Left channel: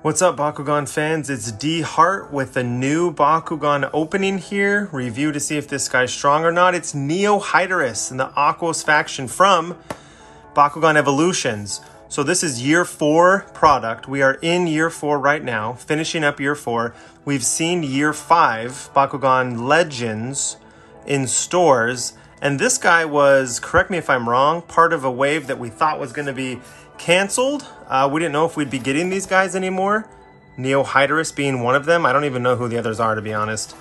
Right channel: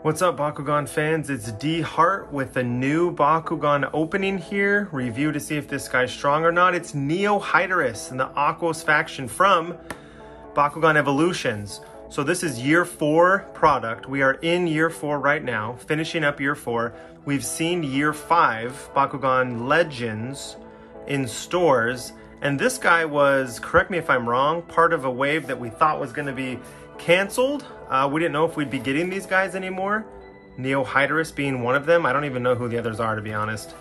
What's up, Bakugan fans? It's D Hart with a new Bakugan opening here. Review to see if this guy's strong or not. It's Hydorous in the Aquos faction from Bakugan Evolutions. So this is year 4 product. We are in year 4 right now, finishing up year 4. We've seen year 5 Bakugan Legends in stores. And this guy was, correct me if I'm wrong, part of a wave that we thought was going to be canceled. We didn't know if we'd be getting these guys anymore. Hydorous being one of them. I don't even know who the others are, to be honest.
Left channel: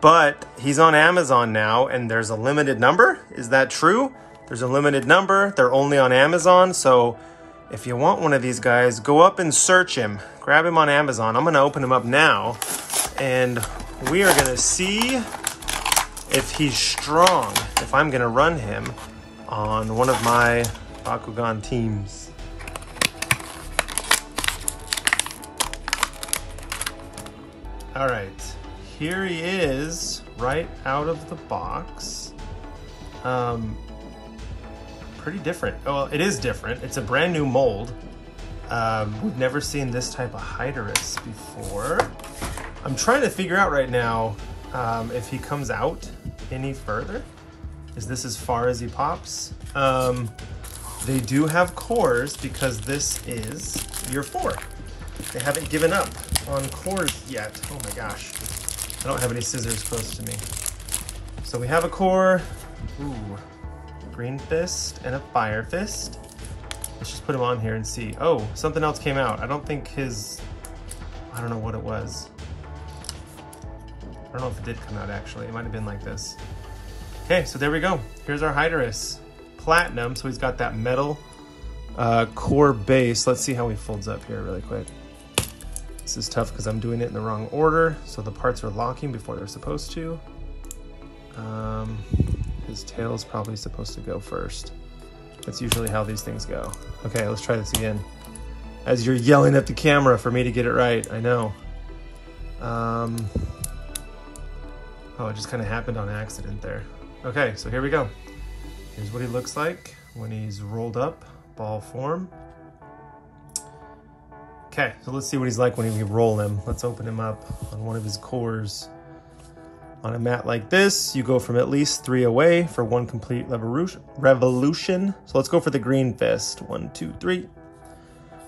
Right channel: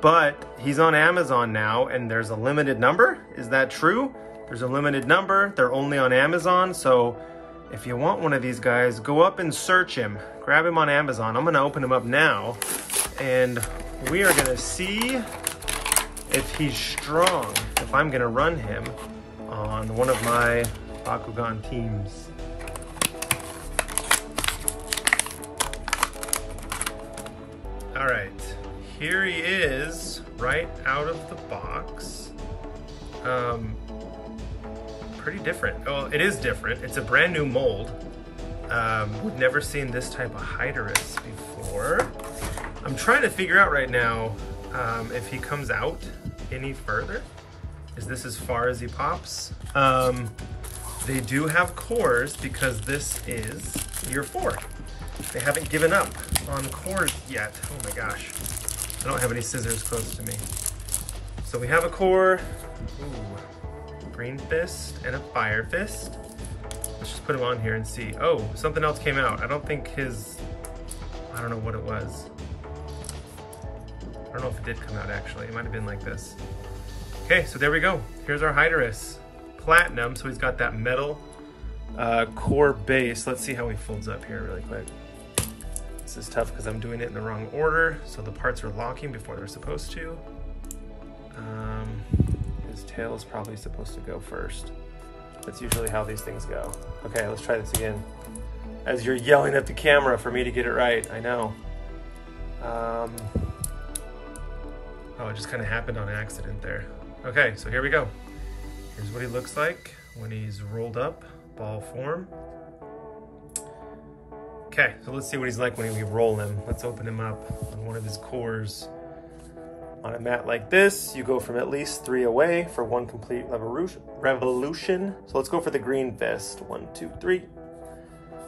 But he's on Amazon now, and there's a limited number. Is that true? There's a limited number. They're only on Amazon. So if you want one of these guys, go up and search him. Grab him on Amazon. I'm going to open him up now, and we are going to see if he's strong, if I'm going to run him on one of my Bakugan teams. All right, here he is right out of the box. Pretty different. Well, it is different. It's a brand new mold. We've never seen this type of Hydorous before. I'm trying to figure out right now if he comes out any further. Is this as far as he pops? They do have cores because this is year 4. They haven't given up on cores yet. Oh my gosh. I don't have any scissors close to me. So we have a core, green fist and a fire fist. Let's just put him on here and see. Oh, something else came out. I don't think I don't know what it was. I don't know if it did come out actually. It might have been like this. Okay, so there we go. Here's our Hydorous. Platinum, so he's got that metal core base. Let's see how he folds up here really quick. This is tough because I'm doing it in the wrong order, so the parts are locking before they're supposed to. His tail's probably supposed to go first. That's usually how these things go. Okay, let's try this again. As you're yelling at the camera for me to get it right, I know. Oh, it just kind of happened on accident there. Okay, so here we go. Here's what he looks like when he's rolled up, ball form. Okay, so let's see what he's like when we roll him. Let's open him up on one of his cores. On a mat like this, you go from at least 3 away for 1 complete revolution. So let's go for the green fist. 1, 2, 3,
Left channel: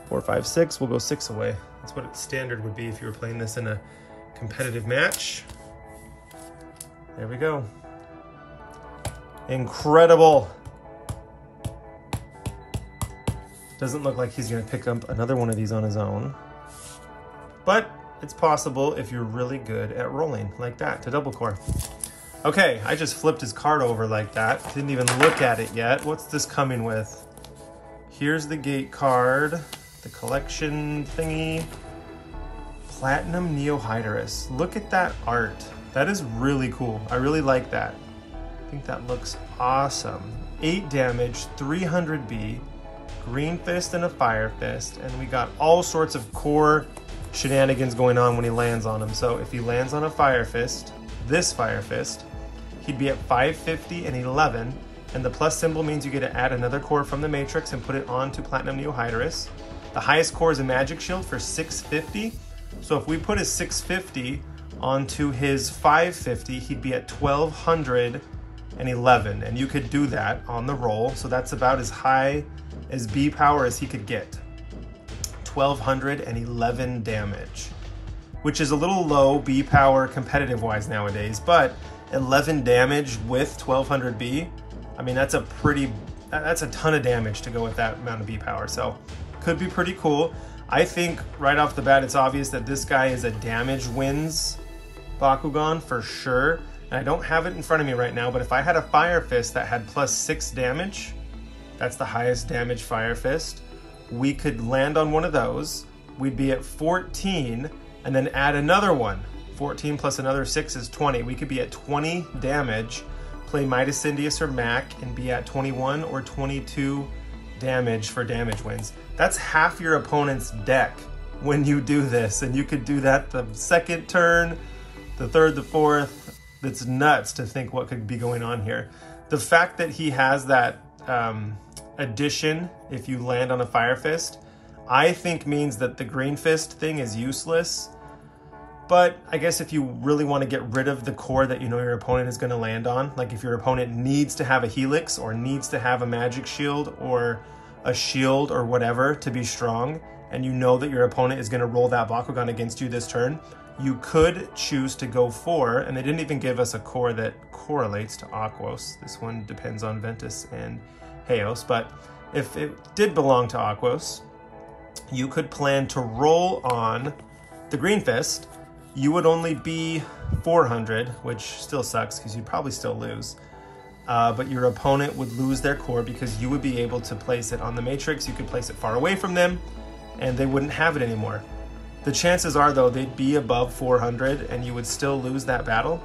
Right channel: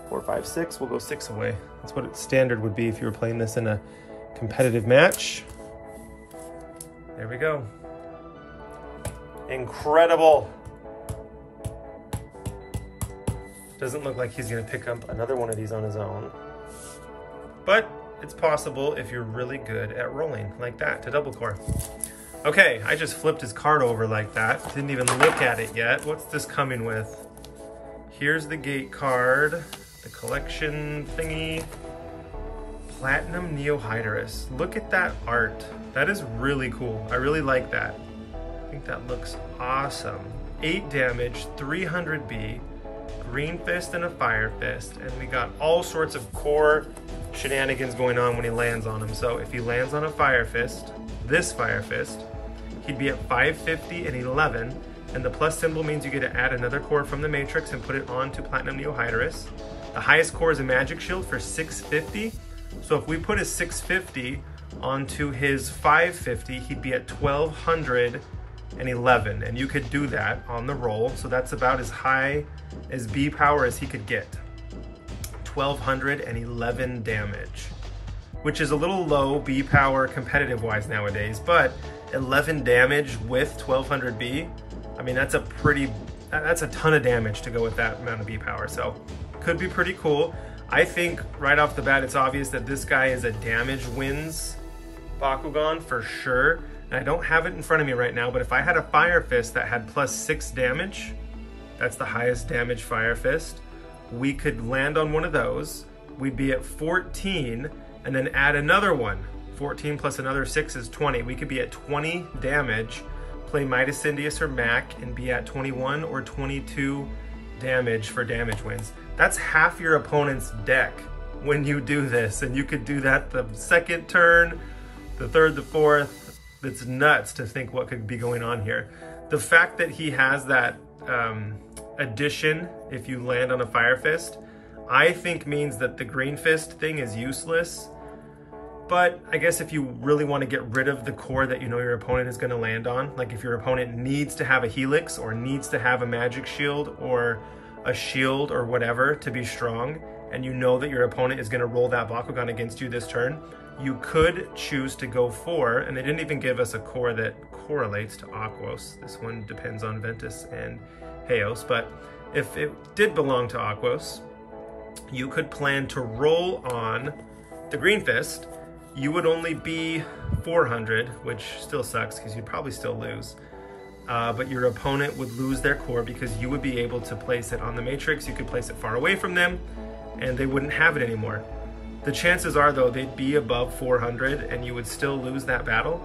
4, 5, 6. We'll go 6 away. That's what its standard would be if you were playing this in a competitive match. There we go. Incredible. Doesn't look like he's gonna pick up another one of these on his own, but it's possible if you're really good at rolling like that to double core. Okay, I just flipped his card over like that. Didn't even look at it yet. What's this coming with? Here's the gate card, the collection thingy. Platinum Hydorous. Look at that art. That is really cool. I really like that. I think that looks awesome. 8 damage, 300B. Green fist and a fire fist, and we got all sorts of core shenanigans going on when he lands on him. So if he lands on a fire fist, this fire fist, he'd be at 550 and 11, and the plus symbol means you get to add another core from the matrix and put it onto Platinum Hydorous. The highest core is a magic shield for 650, so if we put a 650 onto his 550, he'd be at 1211, and you could do that on the roll. So that's about as high as B power as he could get. 1211 damage, which is a little low B power competitive wise nowadays, but 11 damage with 1200 B, I mean, that's a ton of damage to go with that amount of B power. So could be pretty cool. I think right off the bat, it's obvious that this guy is a damage wins Bakugan for sure. And I don't have it in front of me right now, but if I had a fire fist that had plus 6 damage, that's the highest damage fire fist, we could land on one of those. We'd be at 14 and then add another one. 14 plus another 6 is 20. We could be at 20 damage, play Midas Indius or Mac, and be at 21 or 22 damage for damage wins. That's half your opponent's deck when you do this, and you could do that the second turn, the third, the fourth. It's nuts to think what could be going on here. The fact that he has that addition, if you land on a Fire Fist, I think means that the Green Fist thing is useless. But I guess if you really want to get rid of the core that you know your opponent is going to land on, like if your opponent needs to have a Helix or needs to have a Magic Shield or a Shield or whatever to be strong, and you know that your opponent is going to roll that Bakugan against you this turn, you could choose to go for, and they didn't even give us a core that correlates to Aquos. This one depends on Ventus and Helios, but if it did belong to Aquos, you could plan to roll on the Green Fist. You would only be 400, which still sucks because you'd probably still lose. But your opponent would lose their core because you would be able to place it on the matrix. You could place it far away from them and they wouldn't have it anymore. The chances are though, they'd be above 400 and you would still lose that battle.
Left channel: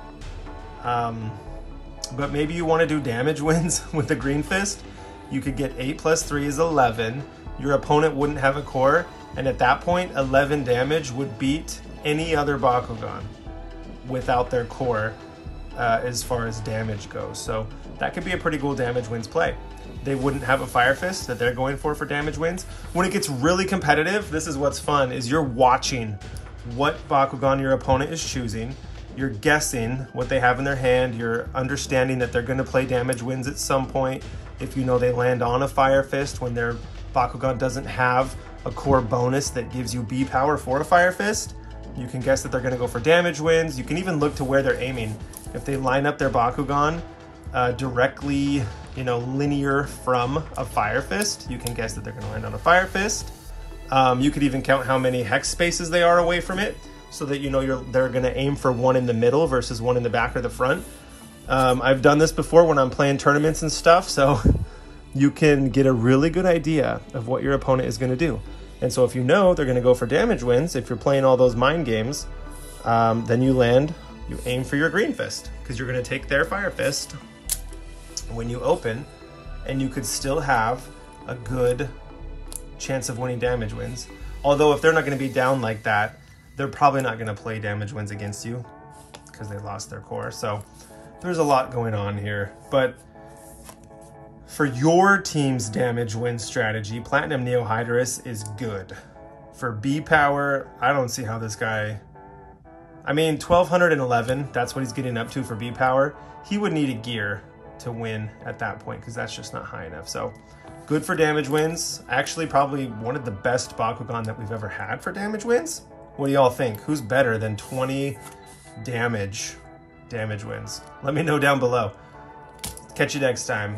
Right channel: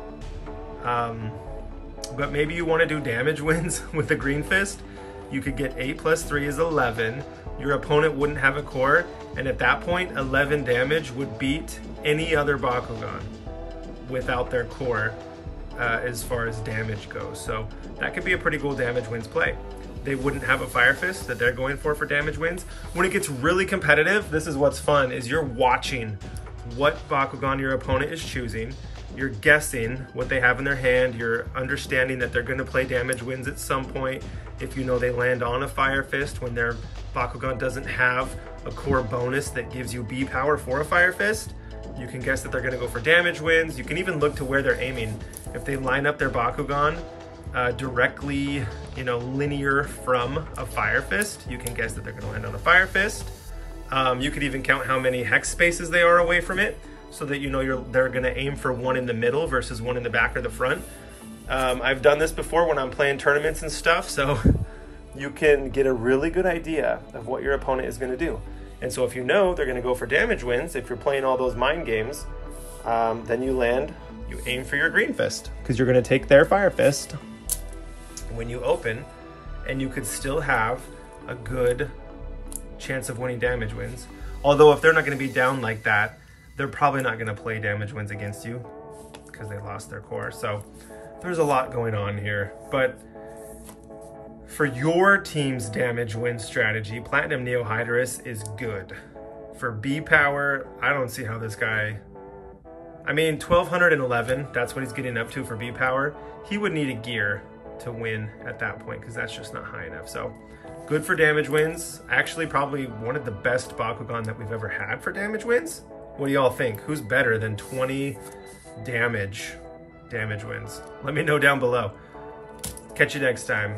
But maybe you want to do damage wins with the Green Fist. You could get 8 plus 3 is 11. Your opponent wouldn't have a core. And at that point, 11 damage would beat any other Bakugan without their core as far as damage goes. So that could be a pretty cool damage wins play. They wouldn't have a Fire Fist that they're going for damage wins. When it gets really competitive, this is what's fun, is you're watching what Bakugan your opponent is choosing. You're guessing what they have in their hand. You're understanding that they're going to play damage wins at some point. If you know they land on a Fire Fist when their Bakugan doesn't have a core bonus that gives you B power for a Fire Fist, you can guess that they're going to go for damage wins. You can even look to where they're aiming. If they line up their Bakugan directly, linear from a Fire Fist, you can guess that they're going to land on a Fire Fist. You could even count how many hex spaces they are away from it, so that they're going to aim for one in the middle versus one in the back or the front. I've done this before when I'm playing tournaments and stuff, so you can get a really good idea of what your opponent is going to do. And so if you know they're going to go for damage wins, if you're playing all those mind games, then you aim for your Green Fist, because you're going to take their Fire Fist when you open, and you could still have a good chance of winning damage wins. Although if they're not going to be down like that, they're probably not going to play damage wins against you because they lost their core. So there's a lot going on here. But for your team's damage win strategy, Platinum Neo Hydorous is good. For B power, I don't see how this guy... 1211, that's what he's getting up to for B power. He would need a gear to win at that point because that's just not high enough. So good for damage wins. Actually, probably one of the best Bakugan that we've ever had for damage wins. What do y'all think? Who's better than 20 damage wins? Let me know down below. Catch you next time.